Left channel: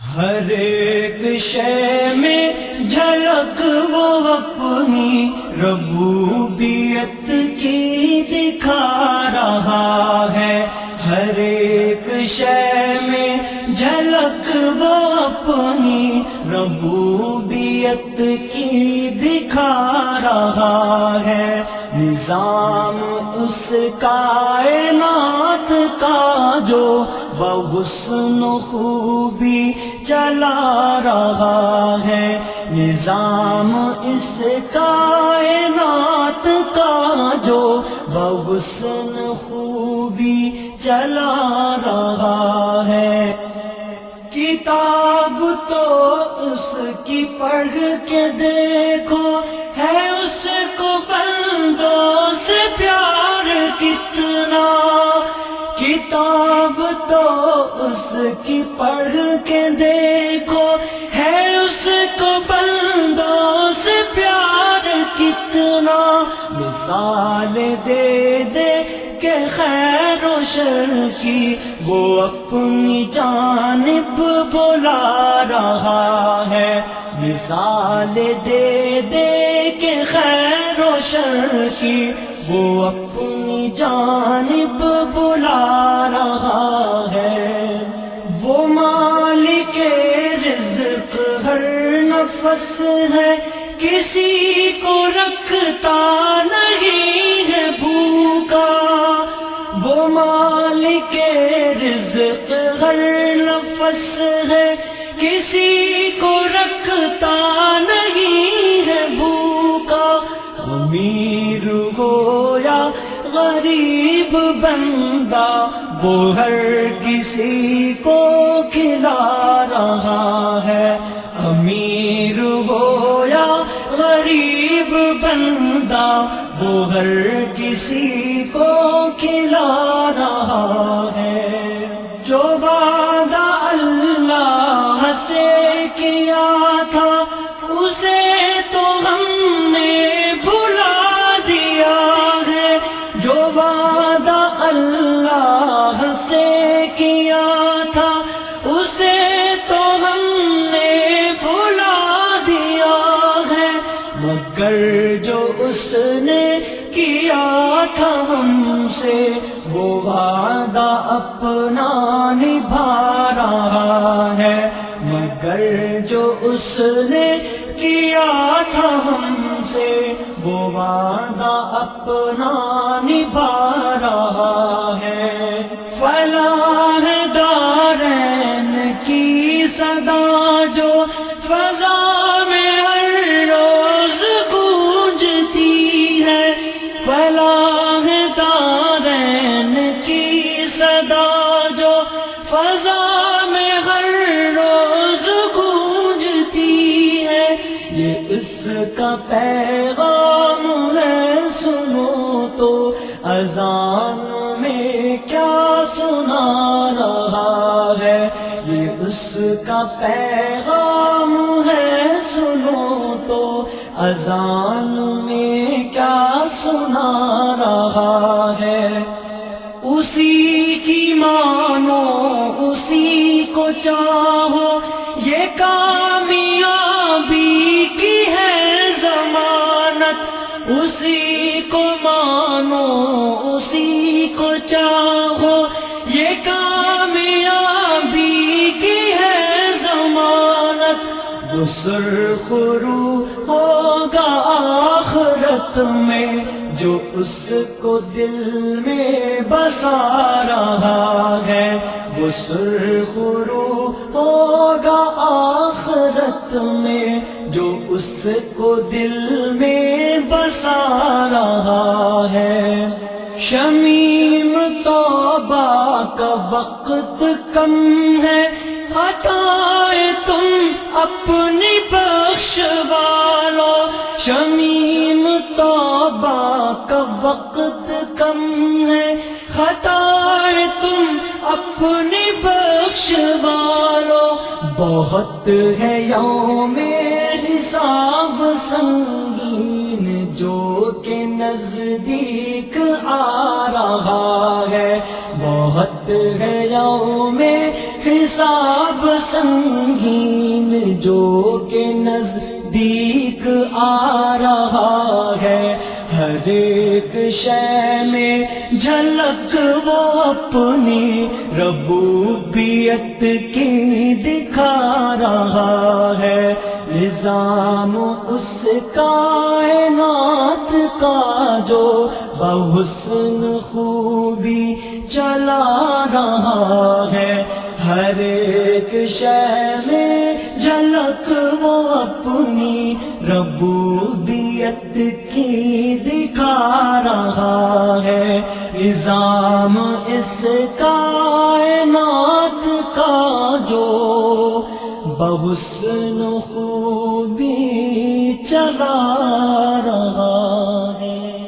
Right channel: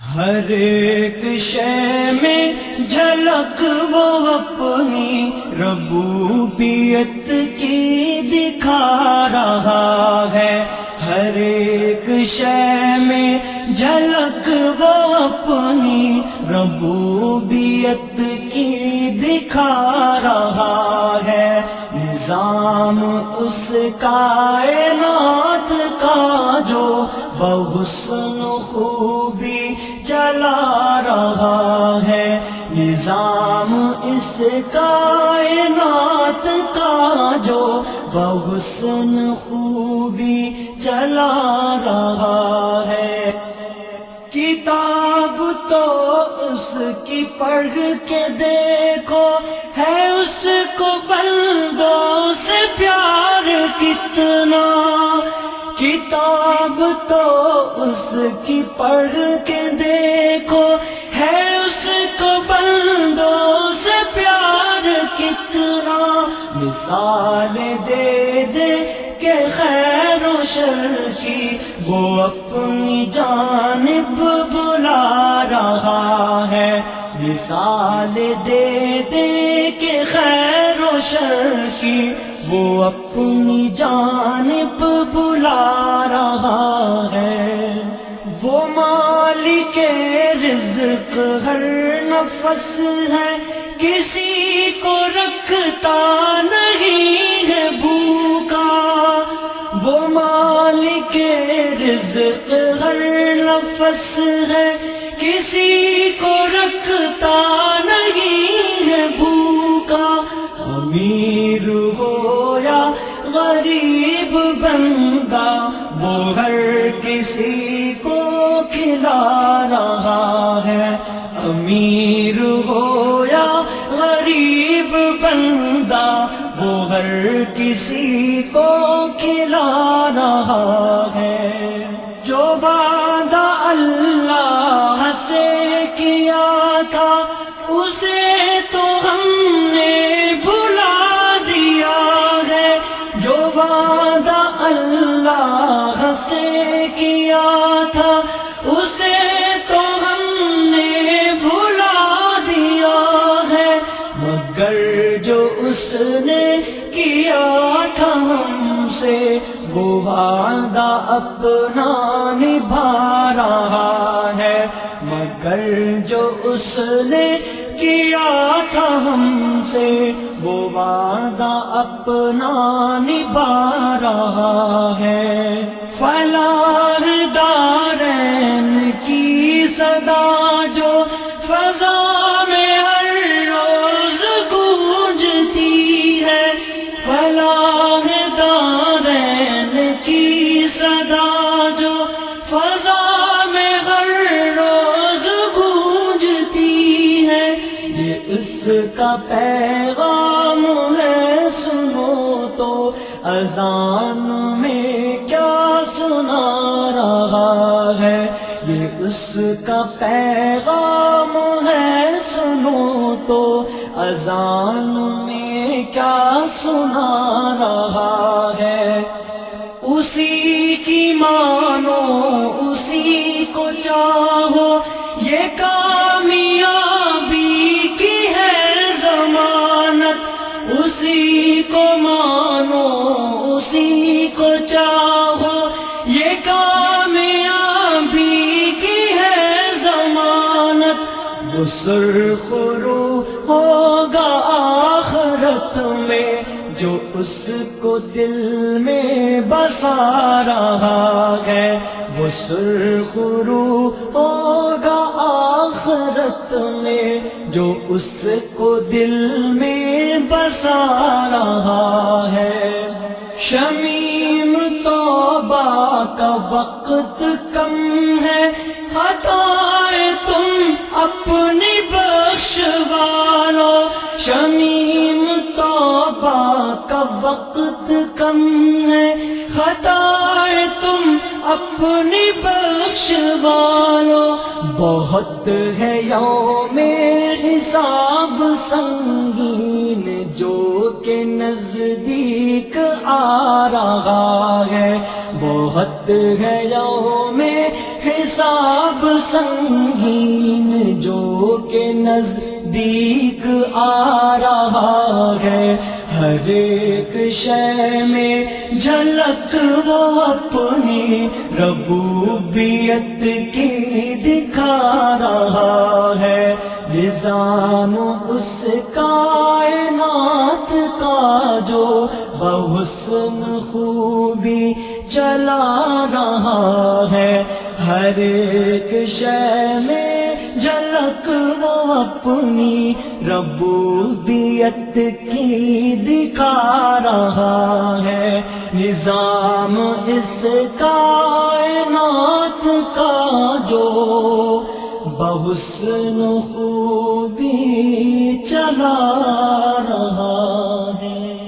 ہر ایک شے میں جھلک وہ اپنی ربوبیت کی دکھا رہا ہے. ہر ایک شے میں جھلک وہ اپنی ربوبیت کی دکھا رہا ہے. نظام اس کائنات کا جو بحسن خوبی چلا رہا ہے. نظام اس کائنات کا جو بحسن خوبی چلا رہا ہے. کتاب تو اس کی پڑھ کے دیکھو ہے اس کو بندوں سے پیار کتنا. کتاب تو اس کی پڑھ کے دیکھو ہے اس کو بندوں سے پیار کتنا. مثال دے دے کہ خیر و شر کی وہ اپنی جانب بلا رہا ہے. مثال دے دے کہ خیر و شر کی وہ اپنی جانب بلا رہا ہے. وہ مالک رزق ہر نفس ہے کسی کو رکھتا نہیں ہے بھوکا. وہ مالک رزق ہر نفس ہے کسی کو رکھتا نہیں ہے بھوکا. امیر ہو یا غریب بندہ وہ ہر کسی کو کھلا رہا ہے. امیر ہو یا غریب بندہ وہ ہر کسی کو کھلا رہا ہے. جو وعدہ اللہ سے کیا تھا اسے تو ہم نے بھلا دیا ہے. جو وعدہ اللہ سے کیا تھا اسے تو ہم نے بھلا دیا ہے. مگر جو اس نے کیا تھا ہم سے وہ وعدہ اپنا نبھا رہا ہے. مگر جو اس نے کیا تھا ہم سے وہ وعدہ اپنا نبھا رہا ہے. فلاح دارین کی صدا جو فضا میں ہر روز گونجتی ہے. فلاح دارین کی صدا جو فضا میں ہر روز گونجتی ہے. یہ اس کا پیغام ہے سنو تو اذان میں کیا سنا رہا ہے. یہ اس کا پیغام ہے سنو تو اذان میں کیا سنا رہا ہے. اسی کی مانو اسی کو چاہو یہ کامیابی کی ہے ضمانت. اسی کو مانو اسی کو چاہو یہ کامیابی کی ہے ضمانت. وہ سرخرو ہوگا آخرت میں جو اس کو دل میں بسا رہا ہے. وہ سرخرو ہوگا آخرت میں جو اس کو دل میں بسا رہا ہے. شمیم توبہ کا وقت کم ہے ہٹائے تم اپنی بخشوا لو. شمیم توبہ کا وقت کم ہے ہٹائے تم اپنی بخشوا لو. بہت ہے یوم حساب سنگین جو کہ نزدیک آ رہا ہے. بہت ہے یوم حساب حساب سنگین جو کہ نزدیک آ رہا ہے، ہر ایک شے میں جھلک وہ اپنی ربوبیت کی دکھا رہا ہے۔ نظام اس کائنات کا جو بحسن خوبی چلا رہا ہے، ہر ایک شے میں جھلک وہ اپنی ربوبیت کی دکھا رہا ہے۔ نظام اس کائنات کا جو بحسن خوبی چلا رہا ہے۔